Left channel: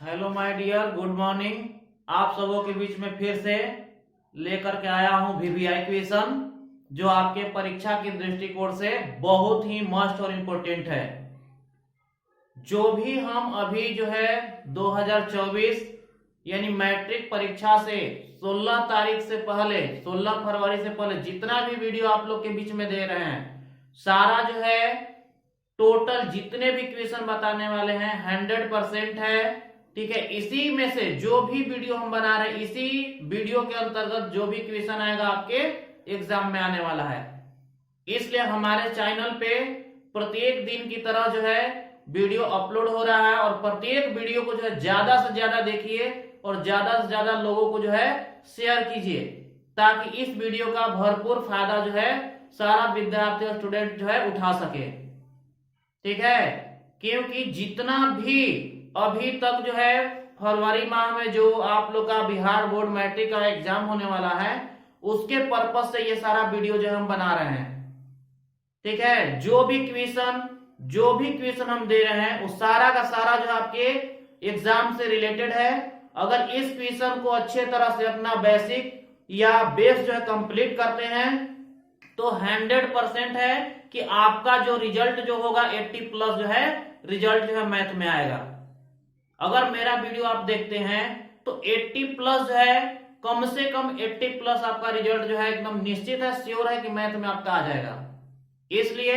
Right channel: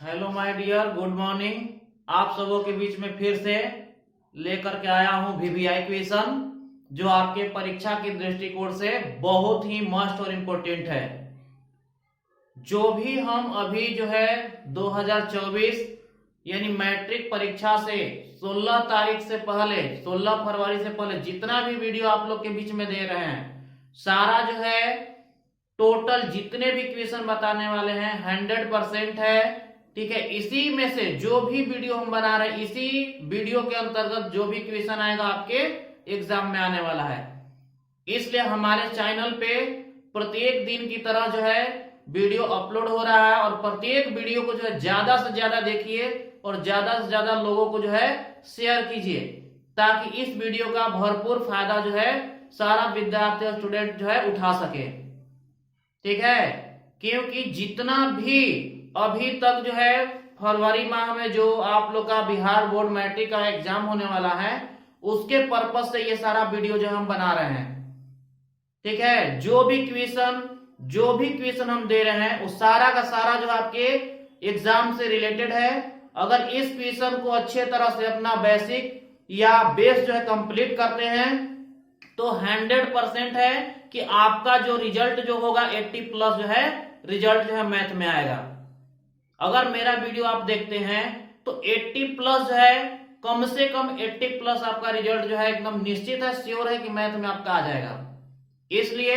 Hello my dear, good morning. आप सबों के बीच में फिर से लेकर के आया हूं वीवीआई क्वेश्चन, जो आपके परीक्षा की दृष्टिकोण से बहुत ही मस्ट और इम्पोर्टेंट है। जो भी हम अभी जो है 2024 यानी मैट्रिक परीक्षा से 16 तारीख से पहले 16 फरवरी से पहले जितना भी वीडियो आप लोग के बीच में दे रहे हैं, सारा जो है टोटल जितने भी क्वेश्चन बताने वाले हैं 100% है। ठीक है, इसी में से जो भी वीडियो हम बना रहे हैं, इसी वीडियो के अंतर्गत जो भी क्वेश्चन आएगा आपके एग्जाम में आने वाला है। इसलिए हमारे चैनल पे प्रत्येक दिन की तरह जो है वीडियो अपलोड हो रहा है, और प्रत्येक वीडियो को जो है ज्यादा से ज्यादा देखिए और ज्यादा से ज्यादा लोगों को जो है शेयर कीजिए, ताकि इस वीडियो का भरपूर फायदा जो है सारा विद्यार्थी और स्टूडेंट जो है उठा सके। ठीक है, क्योंकि जितना भी अभी तक जो है फरवरी माह में जो आप लोग का बिहार बोर्ड मैट्रिक का एग्जाम होने वाला है, उसके पर्पज से ये सारा वीडियो जो हम बना रहे हैं। ठीक है, जो भी क्वेश्चन हम दे रहे हैं वो सारा का सारा जो आपके एग्जाम से रिलेटेड है। अगर इस क्वेश्चन को अच्छे तरह से अपना बेसिक या बेस जो है कंप्लीट करते हैं तो 100% है कि आपका जो रिजल्ट जो होगा 80 प्लस जो है रिजल्ट जो है मैथ में आएगा। अगर मेरा वीडियो आप देखते हैं तो 80 प्लस जो है, कम से कम 80 प्लस आपका रिजल्ट जो है एकदम निश्चित है, श्योर है कि मैथ में आपका आ जाएगा। इसलिए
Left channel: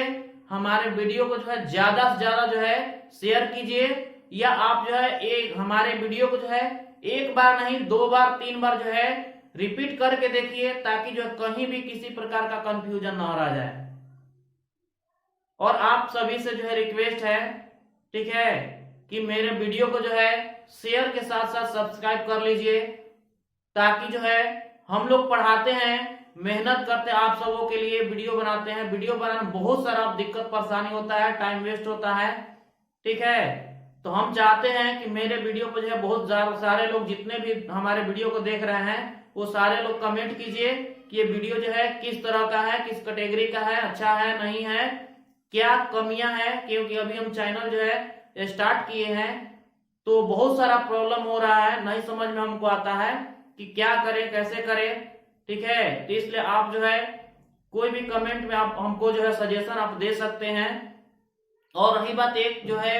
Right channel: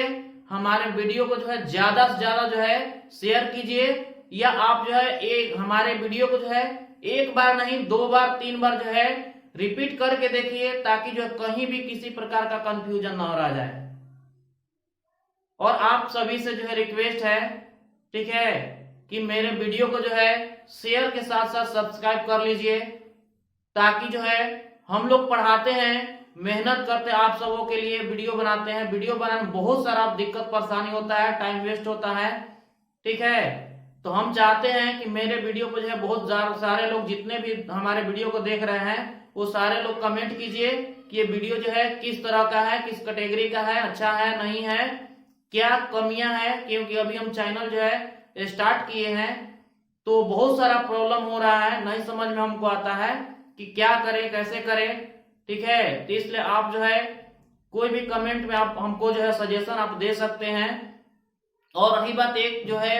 हमारे वीडियो को जो है ज्यादा से ज्यादा जो है शेयर कीजिए, या आप जो है एक हमारे वीडियो को जो है एक बार नहीं 2 बार 3 बार जो है रिपीट करके देखिए, ताकि जो है कहीं भी किसी प्रकार का कंफ्यूजन ना रह जाए। और आप सभी से जो है रिक्वेस्ट है, ठीक है, कि मेरे वीडियो को जो है शेयर के साथ साथ सब्सक्राइब कर लीजिए, ताकि जो है हम लोग पढ़ाते हैं, मेहनत करते हैं, आप सबों के लिए वीडियो बनाते हैं। वीडियो बनाने में बहुत सारा दिक्कत परेशानी होता है, टाइम वेस्ट होता है। ठीक है, तो हम चाहते हैं कि मेरे वीडियो को जो है बहुत सारे लोग, जितने भी हमारे वीडियो को देख रहे हैं, वो सारे लोग कमेंट कीजिए कि ये वीडियो जो है किस तरह का है, किस कैटेगरी का है, अच्छा है नहीं है, क्या कमियां हैं। क्योंकि अभी हम चैनल जो है स्टार्ट किए हैं तो बहुत सारा प्रॉब्लम हो रहा है, नहीं समझ में हमको आता है कि क्या करें कैसे करें। ठीक है, तो इसलिए आप जो है कोई भी कमेंट में आप हमको जो है सजेशन आप दे सकते हैं। और रही बात एक जो है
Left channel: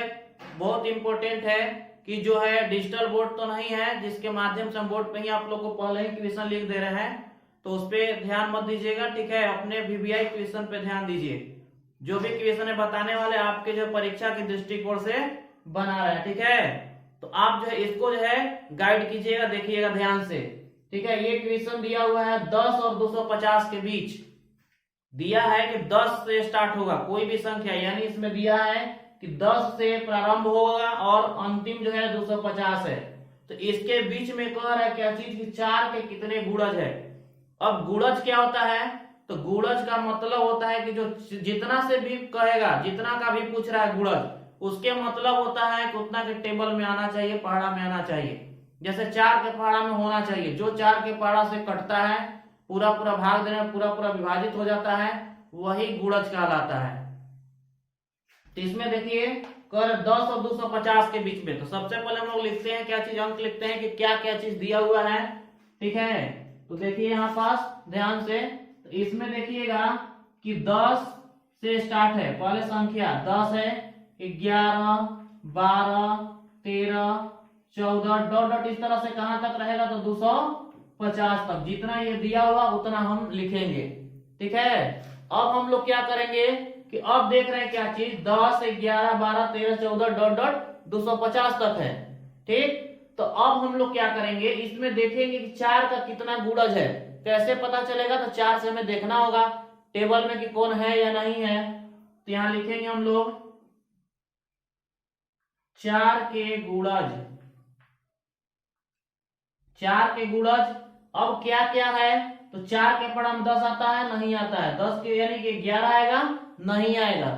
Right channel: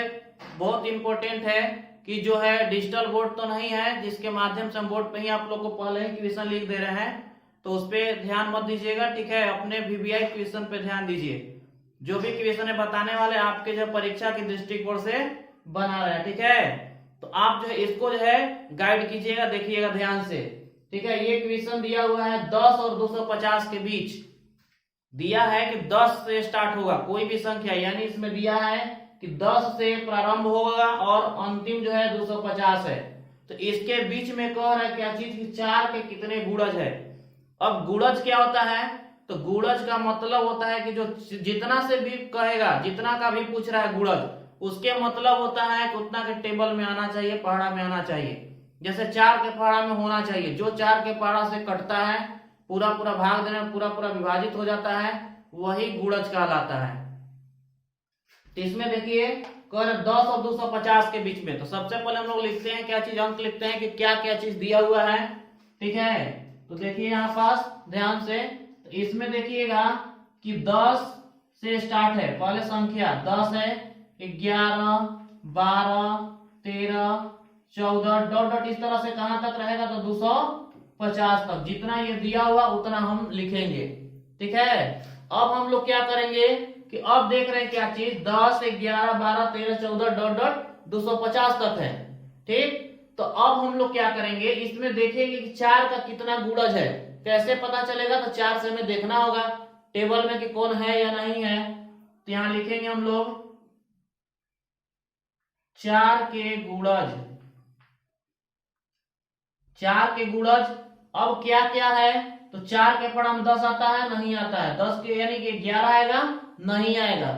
बहुत इंपॉर्टेंट है कि जो है डिजिटल बोर्ड तो नहीं है, जिसके माध्यम से हम बोर्ड पे ही आप लोग को पहले ही क्वेश्चन लिख दे रहे हैं, तो उस पर ध्यान मत दीजिएगा। ठीक है, अपने वीवीआई क्वेश्चन पे ध्यान दीजिए। जो भी क्वेश्चन है बताने वाले आपके जो परीक्षा की दृष्टिकोण से बना रहे हैं। ठीक है, तो आप जो है इसको जो है गाइड कीजिएगा, देखिएगा ध्यान से। ठीक है, ये क्वेश्चन दिया हुआ है 10 और 250 के बीच दिया है कि 10 से स्टार्ट होगा कोई भी संख्या, यानी इसमें दिया है कि 10 से प्रारंभ होगा और अंतिम जो है 250 है। तो इसके बीच में कह रहा है क्या चीज कि 4 के कितने गुणज है। अब गुणज क्या होता है, तो गुणज का मतलब होता है कि जो जितना से भी कहेगा, जितना का भी पूछ रहा है गुणज, उसके मतलब होता है कि उतना के टेबल में आना चाहिए, पहाड़ा में आना चाहिए। जैसे 4 के पहाड़ा में होना चाहिए, जो 4 के पहाड़ा से कटता है, पूरा पूरा भाग देने में पूरा पूरा विभाजित हो जाता है, वही गुणज कहलाता है। तो इसमें देखिए कर 10 और 250 के बीच में, तो सबसे पहले हम लोग लिखते हैं क्या चीज, अंक लिखते हैं कि क्या क्या चीज दिया हुआ है। ठीक है, तो देखिए यहाँ पास ध्यान से, तो इसमें देखिएगा कि 10 से स्टार्ट है, पहले संख्या 10 है, 11 12 13 14 डॉट डॉट इस तरह से कहां तक रहेगा, तो 250 तक। जितना ये दिया हुआ उतना हम लिखेंगे। ठीक है, अब हम लोग क्या करेंगे कि अब देख रहे हैं क्या चीज, 10 11 12 13 14 डॉट डॉट 250 तक है। ठीक, तो अब हम लोग क्या करेंगे, इसमें देखेंगे कि 4 का कितना गुणज है। कैसे पता चलेगा, तो 4 से हमें देखना होगा टेबल में कि कौन है या नहीं है। तो यहां लिखेंगे हम लोग 4 के गुणज, 4 के गुणज। अब क्या क्या है, तो 4 के पहाड़ा में 10 आता है नहीं आता है, 10 के यानी कि 11 आएगा नहीं आएगा।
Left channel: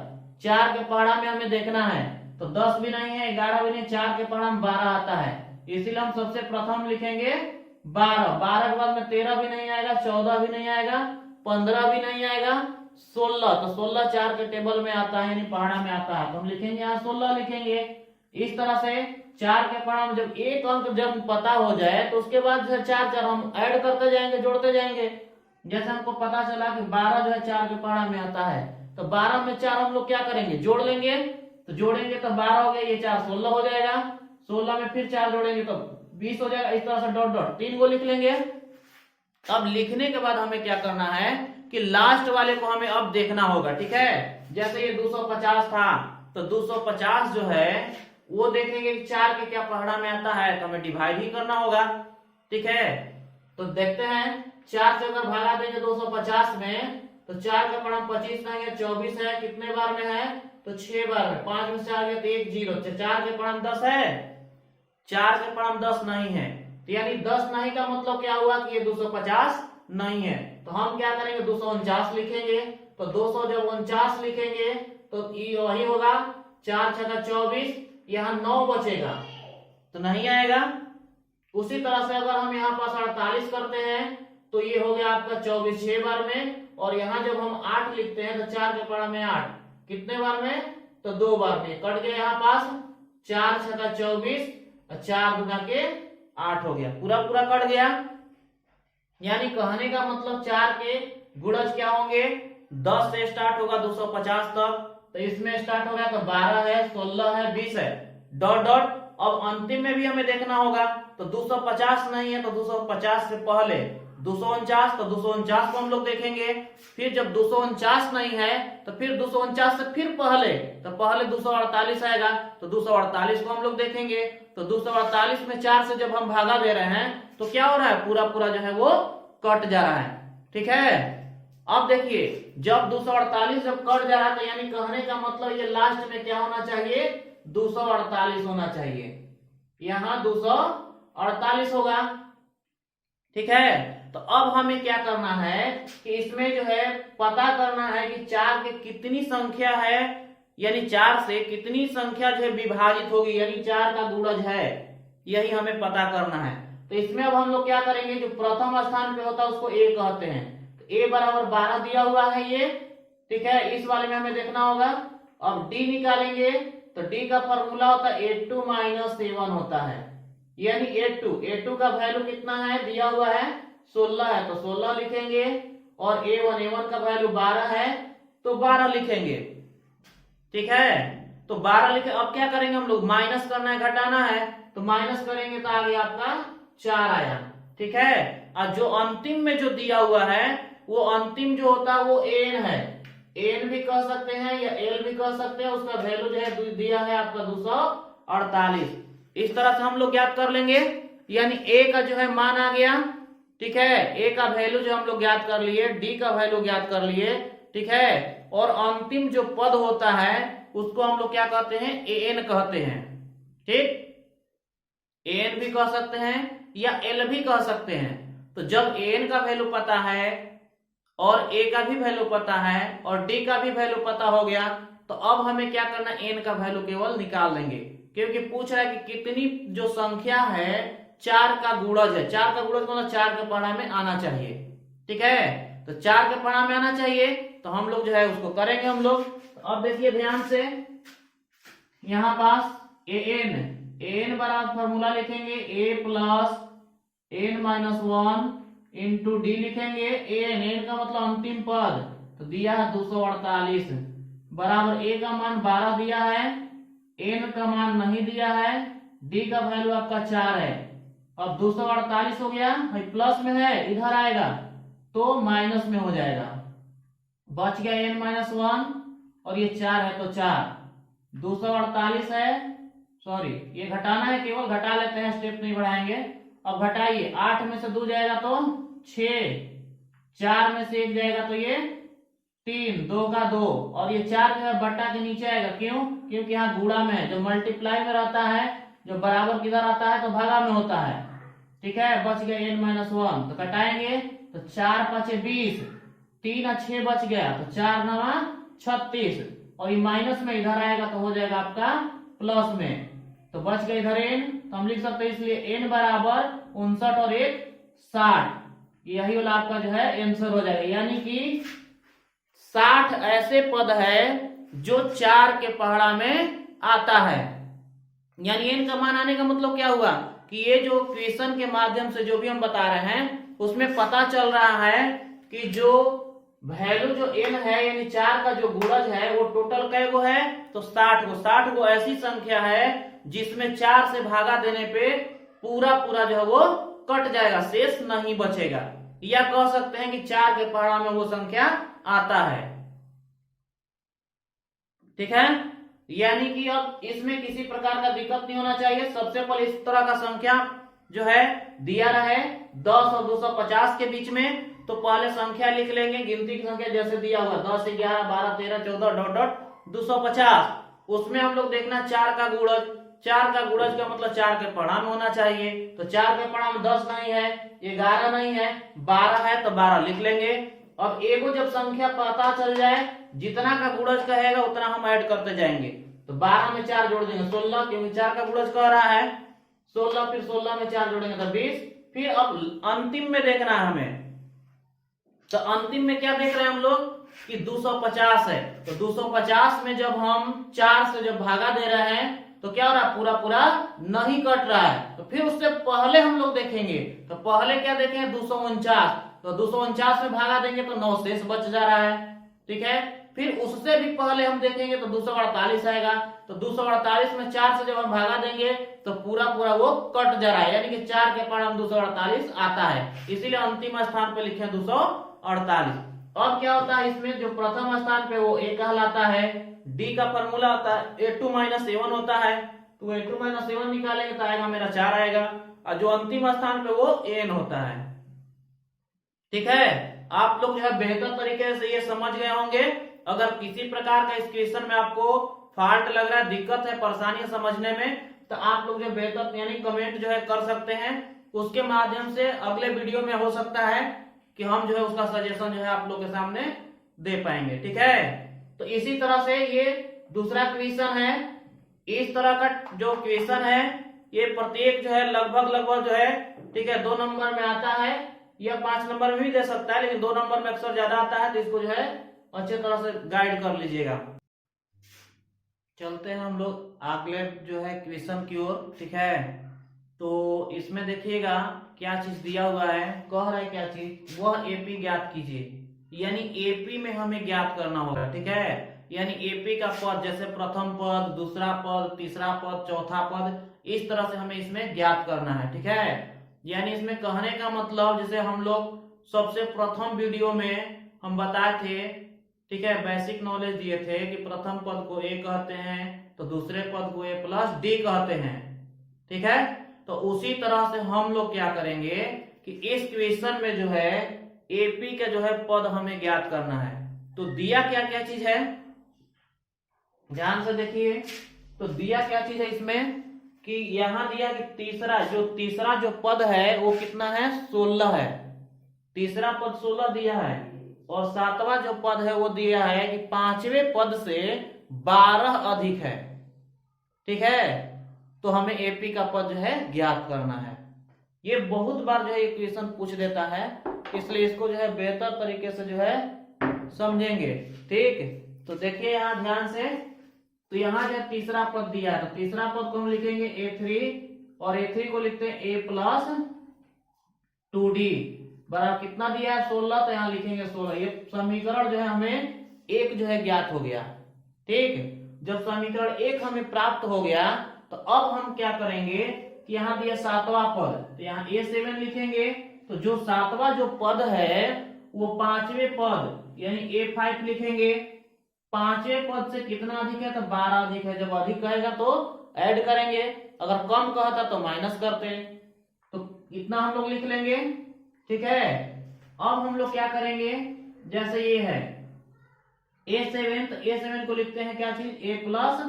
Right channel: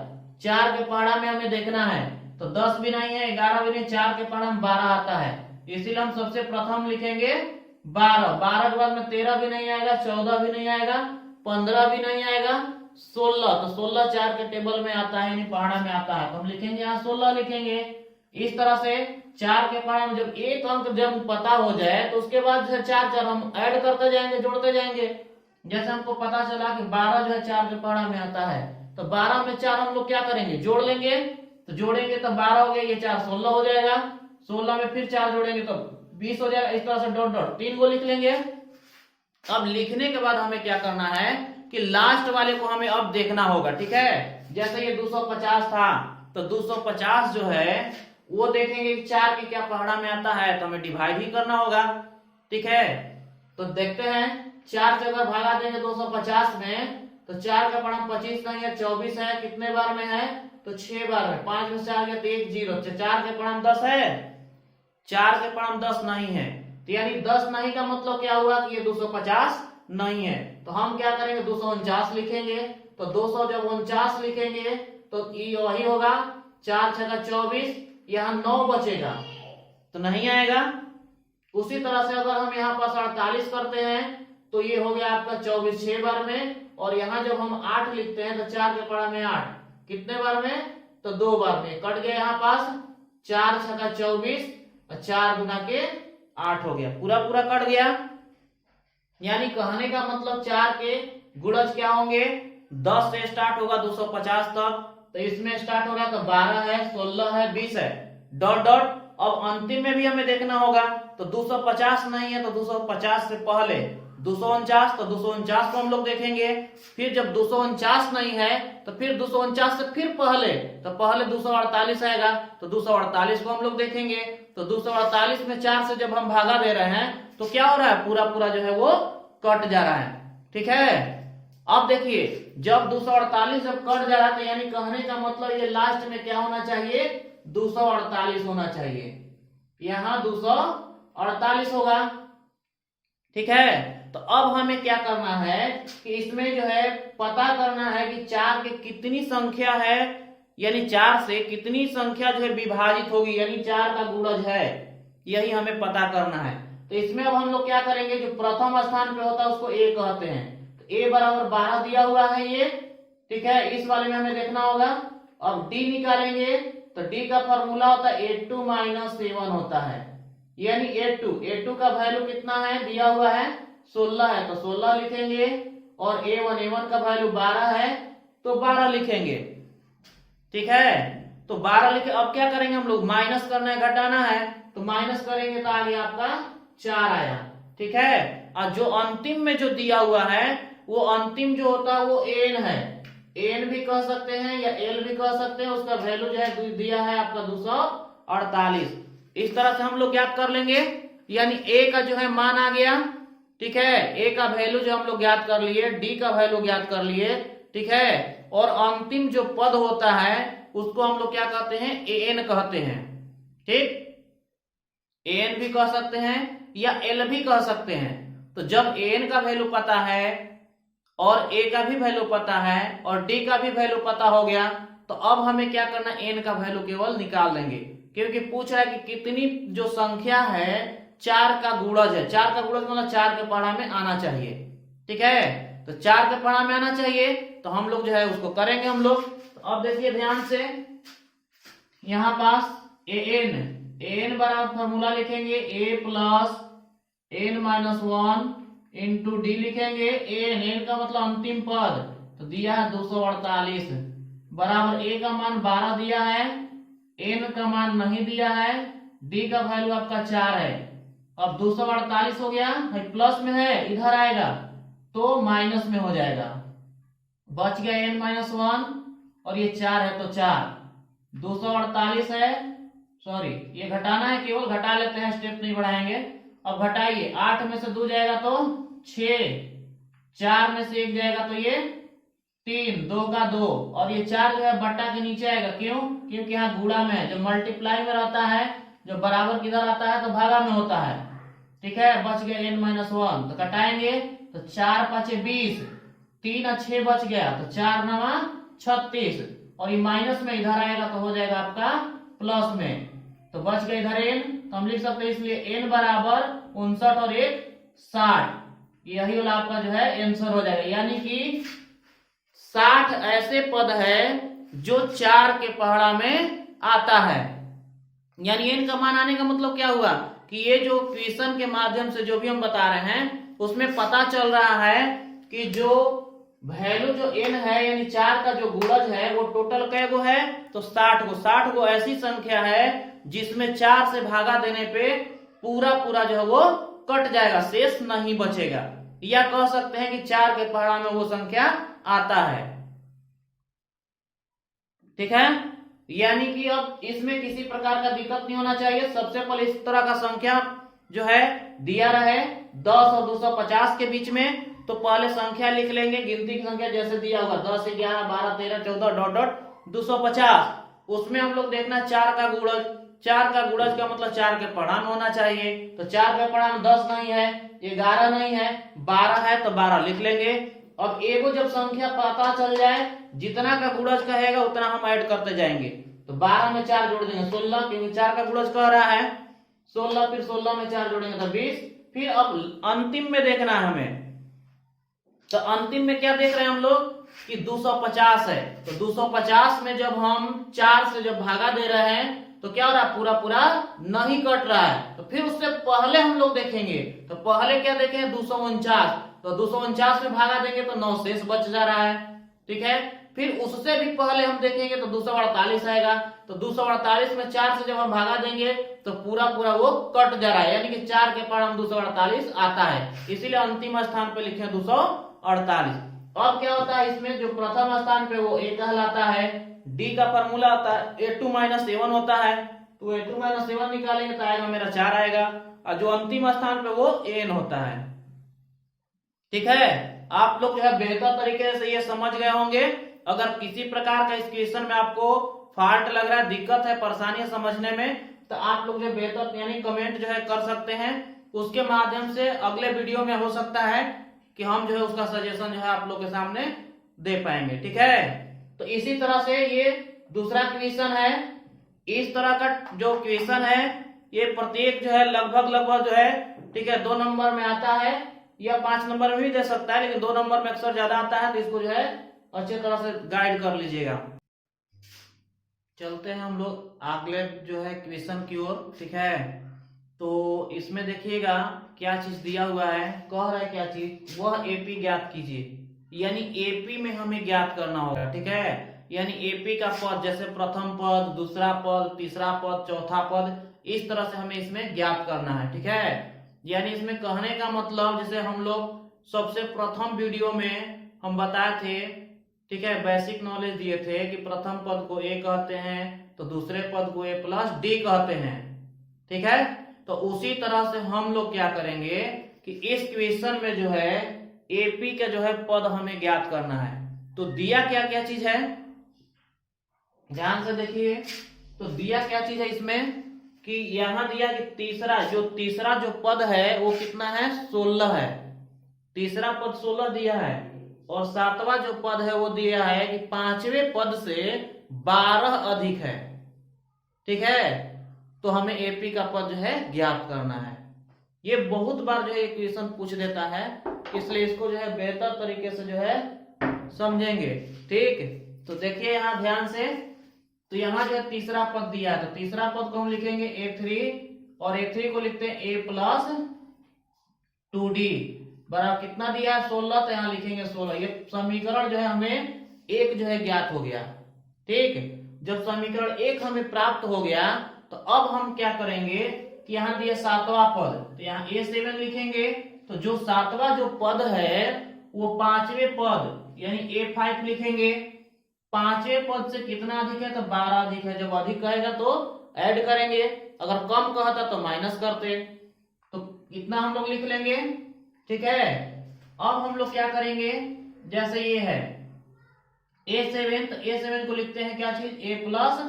4 के पहाड़ा में हमें देखना है, तो 10 भी नहीं है 11 भी नहीं, 4 के पहाड़ा में 12 आता है, इसीलिए हम सबसे प्रथम लिखेंगे 12। 12 के बाद में 13 भी नहीं आएगा, 14 भी नहीं आएगा, 15 भी नहीं आएगा, 16। तो 16 4 के टेबल में आता है यानी पहाड़ा में आता है, तो हम लिखेंगे यहाँ 16 लिखेंगे। इस तरह से 4 के पहाड़ा में जब एक अंक जब पता हो जाए तो उसके बाद जो है 4 हम ऐड करते जाएंगे, जोड़ते जाएंगे। जैसे हमको पता चला कि 12 जो है 4 के पहाड़ा में आता है, तो 12 में 4 हम लोग क्या करेंगे, जोड़ लेंगे। तो जोड़ेंगे तो 12 हो गया, ये 4 16 हो जाएगा, 16 में फिर 4 जोड़ेंगे तो 20 हो जाएगा। इस तरह से डॉट डॉट 3 को लिख लेंगे। अब लिखने के बाद हमें क्या करना है कि लास्ट वाले को हमें अब देखना होगा, ठीक है। जैसे ये 250 था, तो 250 जो है वो देखेंगे 4 के क्या पहाड़ा में आता है, तो हमें डिवाइड ही करना होगा, ठीक है। तो देखते हैं 4 से अगर भागा देंगे 250 में, तो 4 का पहाड़ा 25 नहीं है, 24 है, कितने बार में है, तो 6 बार में। 5 में से आ गया तो 1 0, 4 के पहाड़ा 10 है, 4 के पहाड़ा 10 नहीं है, तो यानी 10 नहीं का मतलब क्या हुआ कि ये 250 नहीं है। तो हम क्या करेंगे, 249 लिखेंगे। तो 200 जब 49 लिखेंगे तो ये वही होगा, 4 6 24, यहाँ 9 बचेगा तो नहीं आएगा। उसी तरह से अगर हम यहाँ पास 48 करते हैं तो ये हो गया आपका 24 6 बार में, और यहाँ जब हम 8 लिखते हैं तो 4 के पहाड़ा में 8 कितने बार में, तो 2 बार में। कट गया यहाँ पास 4 6 24 और 4 गुना के 8 हो गया, पूरा पूरा कट गया। यानी कहने का मतलब 4 के गुणज क्या होंगे, 10 से स्टार्ट होगा 250 तक, तो इसमें स्टार्ट हो गया तो 12 है, 16 है, 20 है, डॉट डॉट। अब अंतिम में भी हमें देखना होगा, तो 250 नहीं है तो 250 से पहले 249, तो 249 को हम लोग देखेंगे। फिर जब 249 नहीं है तो फिर 249 से फिर पहले, तो पहले 248 आएगा, तो 248 को हम लोग देखेंगे। तो 248 में 4 से जब हम भागा दे रहे हैं तो क्या हो रहा है, पूरा पूरा जो है वो कट जा रहा है, ठीक है। अब देखिए जब 248 जब कट जा रहा है तो यानी कहने का मतलब ये लास्ट में क्या होना चाहिए, 248 होना चाहिए, यहाँ 248 होगा, ठीक है। तो अब हमें क्या करना है कि इसमें जो है पता करना है कि 4 की कितनी संख्या है, यानी 4 से कितनी संख्या जो है विभाजित होगी, यानी 4 का गुणज है, यही हमें पता करना है। तो इसमें अब हम लोग क्या करेंगे, जो प्रथम स्थान पे होता है उसको ए कहते हैं, तो ए बराबर 12 दिया हुआ है ये, ठीक है। इस वाले में हमें देखना होगा। अब डी निकालेंगे तो डी का फॉर्मूला होता है 8 - 7 होता है, यानी 8 का वैल्यू कितना है, दिया हुआ है 16 है, तो 16 लिखेंगे। और A1 का वैल्यू 12 है तो 12 लिखेंगे, ठीक है। तो 12 लिखे। अब क्या करेंगे हम लोग, माइनस करना है, घटाना है, तो माइनस करेंगे तो आगे आपका 4 आया, ठीक है। और जो अंतिम में जो दिया हुआ है वो अंतिम जो होता है वो एन है, एन भी कह सकते हैं या एल भी कह सकते हैं, उसका वैल्यू जो है दिया है आपका 248। इस तरह से हम लोग ज्ञात कर लेंगे, यानी ए का जो है मान आ गया, ठीक है। ए का वैल्यू जो हम लोग ज्ञात कर लिए, डी का वैल्यू ज्ञात कर लिए, ठीक है। और अंतिम जो पद होता है उसको हम लोग क्या कहते हैं, एन कहते हैं, ठीक। एन भी कह सकते हैं या एल भी कह सकते हैं। तो जब एन का वैल्यू पता है और ए का भी वैल्यू पता है और डी का भी वैल्यू पता हो गया, तो अब हमें क्या करना है, एन का वैल्यू केवल निकाल लेंगे, क्योंकि पूछ रहा है कि कितनी जो संख्या है 4 का गुणज है। 4 का गुणज मतलब 4 के पहाड़ा में आना चाहिए, ठीक है। तो 4 के पहाड़ा में आना चाहिए, तो हम लोग जो है उसको करेंगे हम लोग। तो अब देखिए ध्यान से, यहां पास एन बराबर फॉर्मूला लिखेंगे a + n-1 इंटू डी लिखेंगे। एन का मतलब अंतिम पद, तो दिया है 248 बराबर ए का मान 12 दिया है, एन का मान नहीं दिया है, डी का वैल्यू आपका 4 है। अब 248 हो गया, प्लस में है इधर आएगा तो माइनस में हो जाएगा, बच गया n-1 और ये 4 है तो 4, 248 है, सॉरी ये घटाना है, केवल घटा लेते हैं, स्टेप नहीं बढ़ाएंगे। अब घटाइए, 8 में से 2 जाएगा तो 6, 4 में से 1 जाएगा तो ये 3, 2 का 2, और ये 4 जो है बट्टा के नीचे आएगा, क्यों, क्योंकि यहाँ गुणा में है, जो मल्टीप्लाई में रहता है, जो बराबर किधर आता है तो भागा में होता है, ठीक है। बच गया n-1, तो कटाएंगे तो 4 × 5 = 20, 3 और 6 बच गया, तो 4 9 36, और ये माइनस में इधर आएगा तो हो जाएगा आपका प्लस में, तो बच गया इधर n, तो हम लिख सकते हैं इसलिए n बराबर 59 और 1 60, यही वाला आपका जो है आंसर हो जाएगा। यानी कि 60 ऐसे पद है जो 4 के पहाड़ा में आता है, यानी n का मान आने का मतलब क्या हुआ कि ये जो क्वेश्चन के माध्यम से जो भी हम बता रहे हैं उसमें पता चल रहा है कि जो वैल्यू जो n है यानी 4 का जो गुणज है वो टोटल कै गो है, तो 60 गो। 60 गो ऐसी संख्या है जिसमें 4 से भागा देने पे पूरा पूरा जो है वो कट जाएगा, शेष नहीं बचेगा, या कह सकते हैं कि 4 के पहाड़ा में वो संख्या आता है। ठीक है, यानी कि अब इसमें किसी प्रकार का दिक्कत नहीं होना चाहिए। सबसे पहले इस तरह का संख्या जो है दिया रहे 10 और 250 के बीच में, तो पहले संख्या लिख लेंगे, गिनती की संख्या जैसे दिया होगा 10, 11, 12, 13, 14 डॉट डॉट 250। उसमें हम लोग देखना 4 का गुणज, 4 का गुणज का मतलब 4 के पढ़ा में होना चाहिए, तो 4 के पढ़ा में 10 नहीं है, 11 नहीं है, 12 है, तो 12 लिख लेंगे। अब एगो जब संख्या पता चल जाए जितना का गुणज कहेगा उतना हम ऐड करते जाएंगे, तो 12 में 4 जोड़ देंगे 16, क्योंकि 4 का गुणज कह रहा है 16, फिर 16 में 4 जोड़ेंगे तो 20। फिर अब अंतिम में देखना है हमें, तो अंतिम में क्या देख रहे हैं हम लोग कि 250 है, तो 250 में जब हम 4 से जब भागा दे रहे हैं तो क्या हो रहा है, पूरा पूरा नहीं कट रहा है। तो फिर उससे पहले हम लोग देखेंगे, तो पहले क्या देखें 249, तो 249 में भागा देंगे तो 9 शेष बच जा रहा है। ठीक है, फिर उससे भी पहले हम देखेंगे तो 248 आएगा, तो 248 में 4 से जब हम भागा देंगे तो पूरा पूरा वो कट जा रहा है, यानी कि 4 के पढ़ 248 आता है, इसीलिए अंतिम स्थान पे लिखे 248। अब क्या होता है इसमें, जो प्रथम स्थान पे वो a कहलाता है, d का फॉर्मूला होता है a2 - a1 होता है, तो a2 - a1 निकालेंगे तो आएगा मेरा 4 आएगा, और जो अंतिम स्थान पे वो an होता है। ठीक है, आप लोग जो है बेहतर तरीके से ये समझ गए होंगे। अगर किसी प्रकार का इस क्वेश्चन में आपको फॉल्ट लग रहा है, दिक्कत है, परेशानी है समझने में, तो आप लोग जो बेहतर यानी कमेंट जो है कर सकते हैं, उसके माध्यम से अगले वीडियो में हो सकता है कि हम जो है उसका सजेशन जो है आप लोग के सामने दे पाएंगे। ठीक है, तो इसी तरह से ये दूसरा क्वेश्चन है। इस तरह का जो क्वेश्चन है ये प्रत्येक जो है लगभग जो है, ठीक है, 2 नंबर में आता है या 5 नंबर में भी दे सकता है, लेकिन 2 नंबर में अक्सर ज्यादा आता है, तो इसको जो है अच्छे तरह से गाइड कर लीजिएगा। चलते हैं हम लोग अगले जो है क्वेश्चन की ओर। ठीक है, तो इसमें देखिएगा क्या चीज दिया हुआ है, कह रहा है क्या चीज, वह एपी ज्ञात कीजिए, यानी एपी में हमें ज्ञात करना होगा। ठीक है, यानी एपी का पद, जैसे प्रथम पद, दूसरा पद, तीसरा पद, चौथा पद, इस तरह से हमें इसमें ज्ञात करना है। ठीक है, यानी इसमें कहने का मतलब, जैसे हम लोग सबसे प्रथम वीडियो में हम बताए थे, ठीक है, बेसिक नॉलेज दिए थे कि प्रथम पद को ए कहते हैं, तो दूसरे पद को ए प्लस डी कहते हैं। ठीक है, तो उसी तरह से हम लोग क्या करेंगे कि इस क्वेश्चन में जो है एपी का जो है पद हमें ज्ञात करना है। तो दिया क्या क्या चीज है, ध्यान से देखिए, तो दिया क्या चीज है इसमें कि यहां दिया कि तीसरा जो पद है वो कितना है, 16 है, तीसरा पद 16 दिया है, और 7वां जो पद है वो दिया है कि 5वें पद से 12 अधिक है। ठीक है, तो हमें एपी का पद जो है ज्ञात करना है। ये बहुत बार जो है ये क्वेश्चन पूछ देता है, इसलिए इसको जो है बेहतर तरीके से जो है समझेंगे। ठीक, तो देखिए यहां ध्यान से, तो यहां जो है तीसरा पद दिया है, तो तीसरा पद को हम लिखेंगे a3, और a3 को लिखते हैं a प्लस 2d बराबर कितना दिया है 16, तो यहाँ लिखेंगे 16। ये समीकरण जो है हमें एक जो है ज्ञात हो गया। ठीक, जब समीकरण एक हमें प्राप्त हो गया तो अब हम क्या करेंगे कि यहाँ दिया 7वां पद, तो यहाँ a7 लिखेंगे, तो जो 7वां जो पद है वो 5वें पद यानी a5 लिखेंगे। 5वें पद से कितना अधिक है, तो 12 अधिक है, जब अधिक कहेगा तो ऐड करेंगे, अगर कम कहता तो माइनस करते, तो इतना हम लोग लिख लेंगे। ठीक है, अब हम लोग क्या करेंगे, जैसे ये है a7, तो a7 को लिखते हैं क्या चीज, a प्लस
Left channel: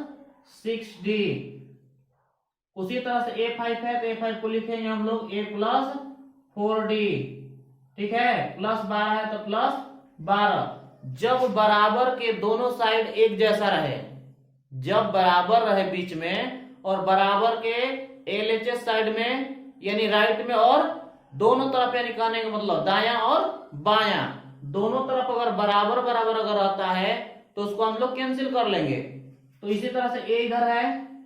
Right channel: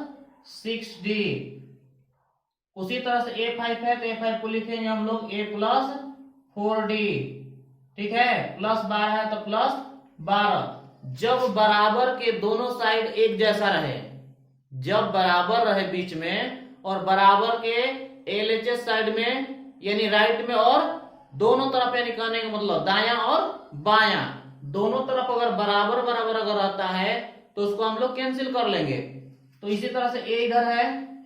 6d। उसी तरह से a5 है, तो a5 को लिखेंगे हम लोग a प्लस 4d। ठीक है, प्लस 12 है तो प्लस 12। जब बराबर के दोनों साइड एक जैसा रहे, जब बराबर रहे बीच में, और बराबर के LHS साइड में यानी राइट में, और दोनों तरफ यानी कहने का मतलब दाया और बायां दोनों तरफ अगर बराबर बराबर अगर रहता है तो उसको हम लोग कैंसिल कर लेंगे। तो इसी तरह से a इधर है,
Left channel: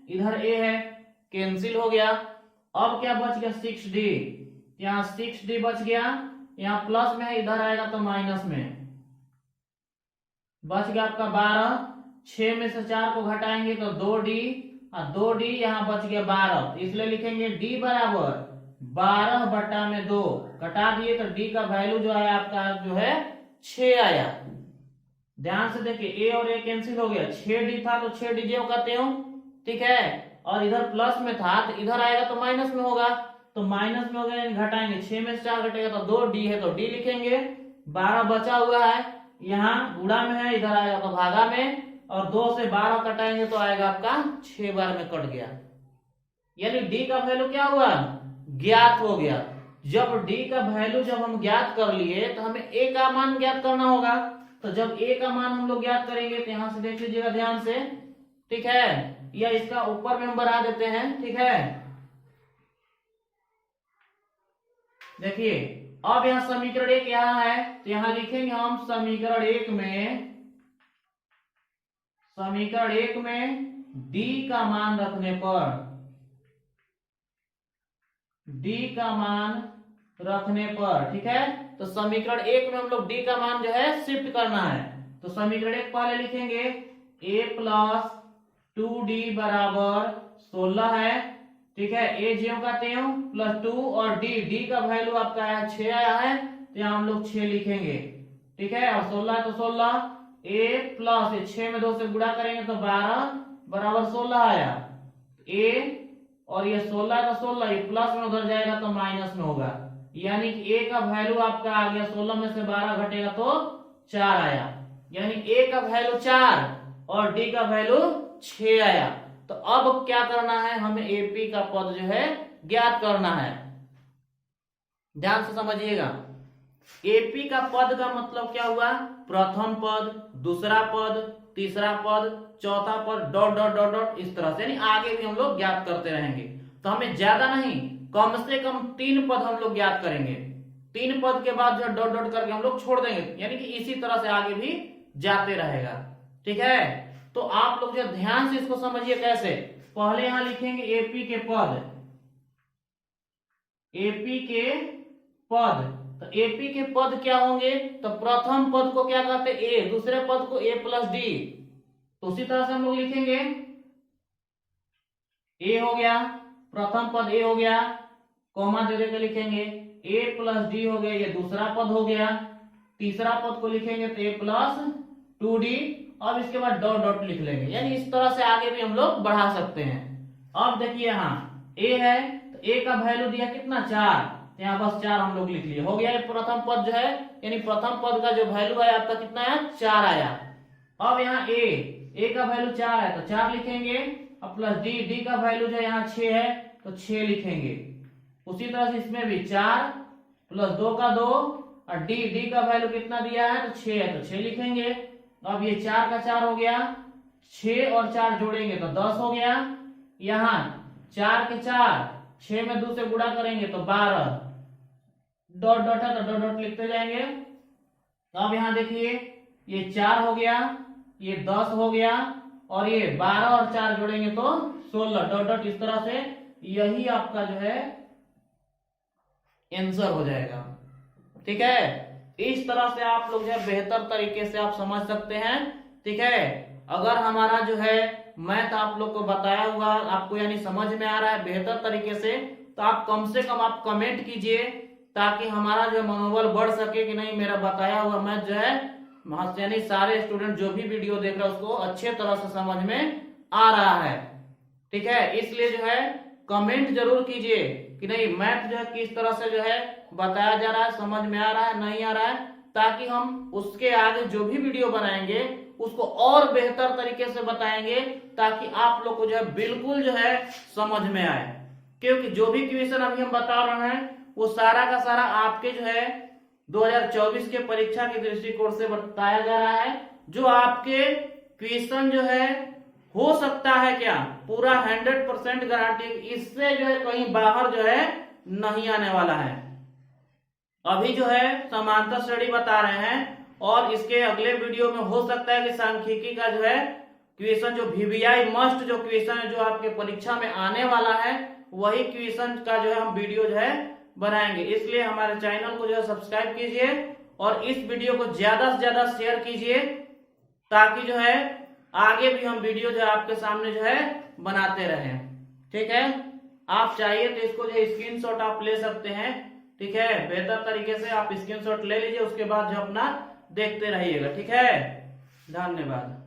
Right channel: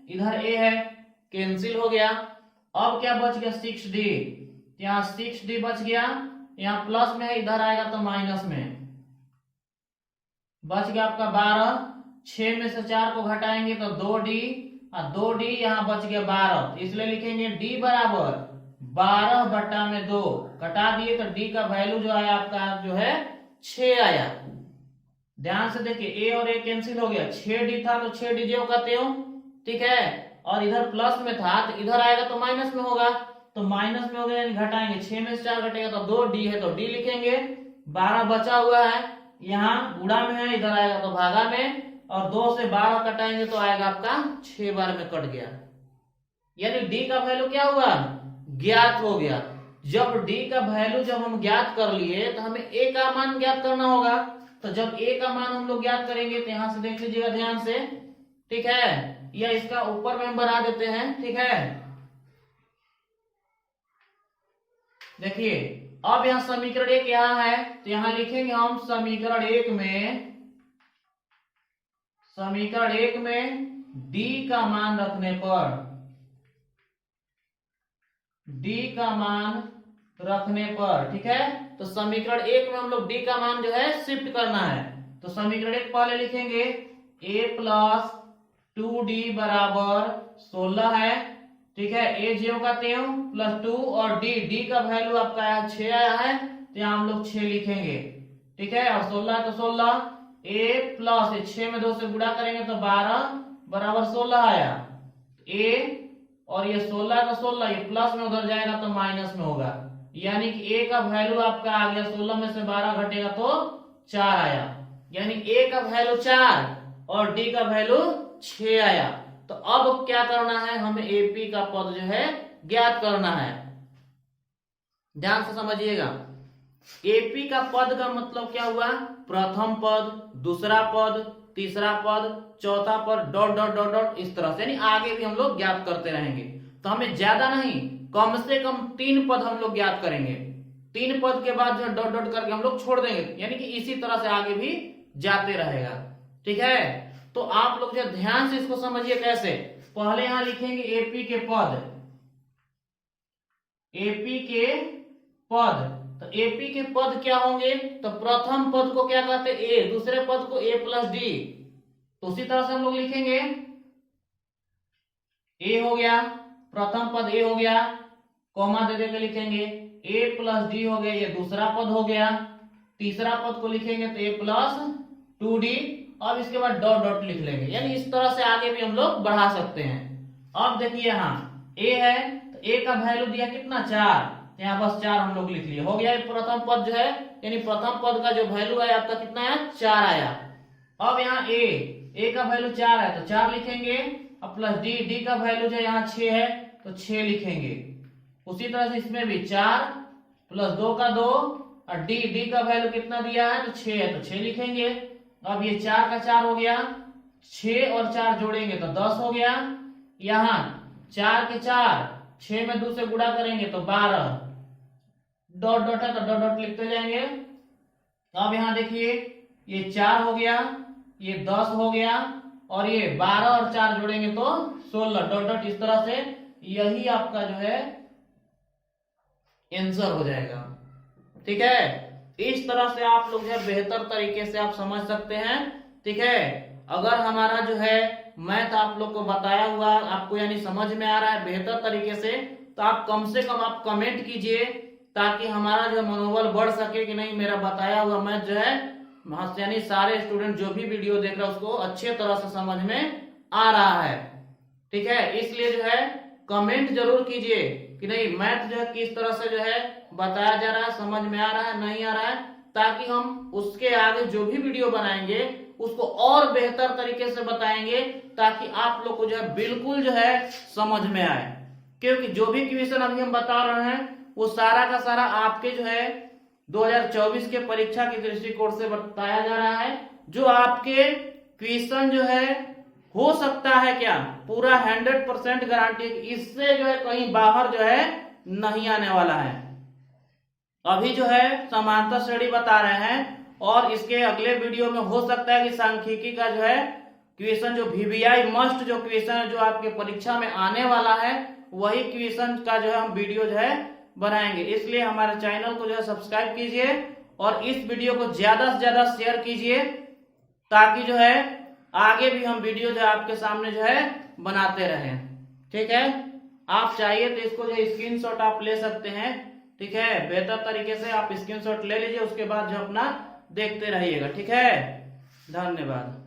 इधर a है, कैंसिल हो गया। अब क्या बच गया 6d, यहाँ 6d बच गया, यहाँ प्लस में है इधर आएगा तो माइनस में, बच गया आपका 12। 6 में से 4 को घटाएंगे तो 2d, और 2d यहाँ बच गया 12, इसलिए लिखेंगे d बराबर 12/2। घटा दिए तो d का वैल्यू जो आया आपका जो है 6 आया। ध्यान से देखिए a और a कैंसिल हो गया, 6d था तो 6d जो कहते हो, ठीक है, और इधर प्लस में था तो इधर आएगा तो माइनस में होगा, तो माइनस में होगा यानी घटाएंगे, 6 में से 4 घटेगा तो 2d है तो d लिखेंगे। 12 बचा हुआ है, यहाँ गुणा में है, इधर आएगा तो भागा में, और 2 से 12 कटाएंगे तो आएगा आपका 6 बार में कट गया, यानी d का वैल्यू क्या हुआ, ज्ञात हो गया। जब d का वैल्यू जब हम ज्ञात कर लिए तो हमें a का मान ज्ञात करना होगा, तो जब a का मान हम लोग ज्ञात करेंगे तो यहां से देख लीजिएगा ध्यान से, ठीक है, या इसका ऊपर में हम बढ़ा देते हैं, ठीक है। देखिए अब यहाँ समीकरण 1 यहाँ है तो यहाँ लिखेंगे हम समीकरण 1 में d का मान रखने पर, d का मान रखने पर, ठीक है, तो समीकरण 1 में हम लोग d का मान जो है शिफ्ट करना है, तो समीकरण 1 पहले लिखेंगे a प्लस 2d बराबर 16 है, ठीक है, a ज्यों का त्यों प्लस 2 और d का वैल्यू आपका आया 6 आया है तो यहाँ हम लोग 6 लिखेंगे, ठीक है, और 16 है तो 16, a प्लस 6 में 2 से गुणा करेंगे तो 12 बराबर 16 आया, a और ये 16 है तो 16, ये प्लस में उधर जाएगा तो माइनस में होगा, यानी कि a का वैल्यू आपका आ गया 16 में से 12 घटेगा तो 4 आया, यानी a का वैल्यू 4 और d का वैल्यू 6 आया। तो अब क्या करना है, हमें AP का पद जो है ज्ञात करना है, ध्यान से समझिएगा। AP का पद का मतलब क्या हुआ, प्रथम पद, दूसरा पद, तीसरा पद, चौथा पद, डॉट डॉट डॉट डॉट, इस तरह से, यानी आगे भी हम लोग ज्ञात करते रहेंगे। तो हमें ज्यादा नहीं, कम से कम 3 पद हम लोग ज्ञात करेंगे, 3 पद के बाद जो है डॉट डॉट करके हम लोग छोड़ देंगे, यानी कि इसी तरह से आगे भी जाते रहेगा, ठीक है। तो आप लोग जो ध्यान से इसको समझिए कैसे, पहले यहां लिखेंगे AP के पद, AP के पद, तो AP के पद क्या होंगे, तो प्रथम पद को क्या कहते हैं A, दूसरे पद को A प्लस D, तो उसी तरह से हम लोग लिखेंगे A हो गया, प्रथम पद A हो गया, कॉमा दे देकर लिखेंगे A प्लस D हो गया, ये दूसरा पद हो गया, तीसरा पद को लिखेंगे तो A प्लस 2D, अब इसके बाद डॉट डॉट लिख लेंगे, यानी इस तरह से आगे भी हम लोग बढ़ा सकते हैं। अब देखिए यहाँ A है तो A का वैल्यू दिया कितना 4, तो यहाँ बस 4 हम लोग लिख लिए, हो गया। प्रथम पद जो है, यानी प्रथम पद का जो वैल्यू आया आपका कितना आया, 4 आया। अब यहाँ A का वैल्यू 4 है तो 4 लिखेंगे, अब प्लस D का वैल्यू जो यहाँ 6 है तो 6 लिखेंगे। उसी तरह से इसमें भी 4 प्लस 2 का 2, और D का वैल्यू कितना दिया है तो 6 है तो 6 लिखेंगे। अब ये 4 का 4 हो गया, 6 और 4 जोड़ेंगे तो 10 हो गया, यहाँ 4 के 4, 6 में 2 से गुणा करेंगे तो 12, डॉट डॉट है तो डॉट डॉट लिखते जाएंगे। अब यहाँ देखिए ये 4 हो गया, ये 10 हो गया, और ये 12 और 4 जोड़ेंगे तो 16, डॉट डॉट, इस तरह से यही आपका जो है आंसर हो जाएगा, ठीक है। इस तरह से आप लोग जो है बेहतर तरीके से आप समझ सकते हैं, ठीक है। अगर हमारा जो है मैथ आप लोग को बताया हुआ आपको यानी समझ में आ रहा है बेहतर तरीके से, तो आप कम से कम आप कमेंट कीजिए, ताकि हमारा जो मनोबल बढ़ सके कि नहीं मेरा बताया हुआ मैथ जो है, यानी सारे स्टूडेंट जो भी वीडियो देख रहे हैं उसको अच्छे तरह से समझ में आ रहा है, ठीक है। इसलिए जो है कमेंट जरूर कीजिए कि नहीं मैथ जो है किस तरह से जो है बताया जा रहा है, समझ में आ रहा है नहीं आ रहा है, ताकि हम उसके आगे जो भी वीडियो बनाएंगे उसको और बेहतर तरीके से बताएंगे, ताकि आप लोग को जो है बिल्कुल जो है समझ में आए। क्योंकि जो भी क्वेश्चन अभी हम बता रहे हैं वो सारा का सारा आपके जो है 2024 के परीक्षा के दृष्टिकोण से बताया जा रहा है, जो आपके क्वेश्चन जो है हो सकता है क्या पूरा 100% गारंटी, इससे जो है कहीं बाहर जो है नहीं आने वाला है। अभी जो है समांतर श्रेणी बता रहे हैं, और इसके अगले वीडियो में हो सकता है कि सांख्यिकी का जो है क्वेश्चन जो VBI मस्ट जो क्वेश्चन है जो आपके परीक्षा में आने वाला है वही क्वेश्चन का जो है हम वीडियो जो है बनाएंगे। इसलिए हमारे चैनल को जो है सब्सक्राइब कीजिए और इस वीडियो को ज्यादा से ज्यादा शेयर कीजिए ताकि जो है आगे भी हम वीडियो जो है आपके सामने जो है बनाते रहें। ठीक है, आप चाहिए तो इसको जो स्क्रीनशॉट आप ले सकते हैं। ठीक है, बेहतर तरीके से आप स्क्रीनशॉट ले लीजिए, उसके बाद जो अपना देखते रहिएगा। ठीक है, धन्यवाद।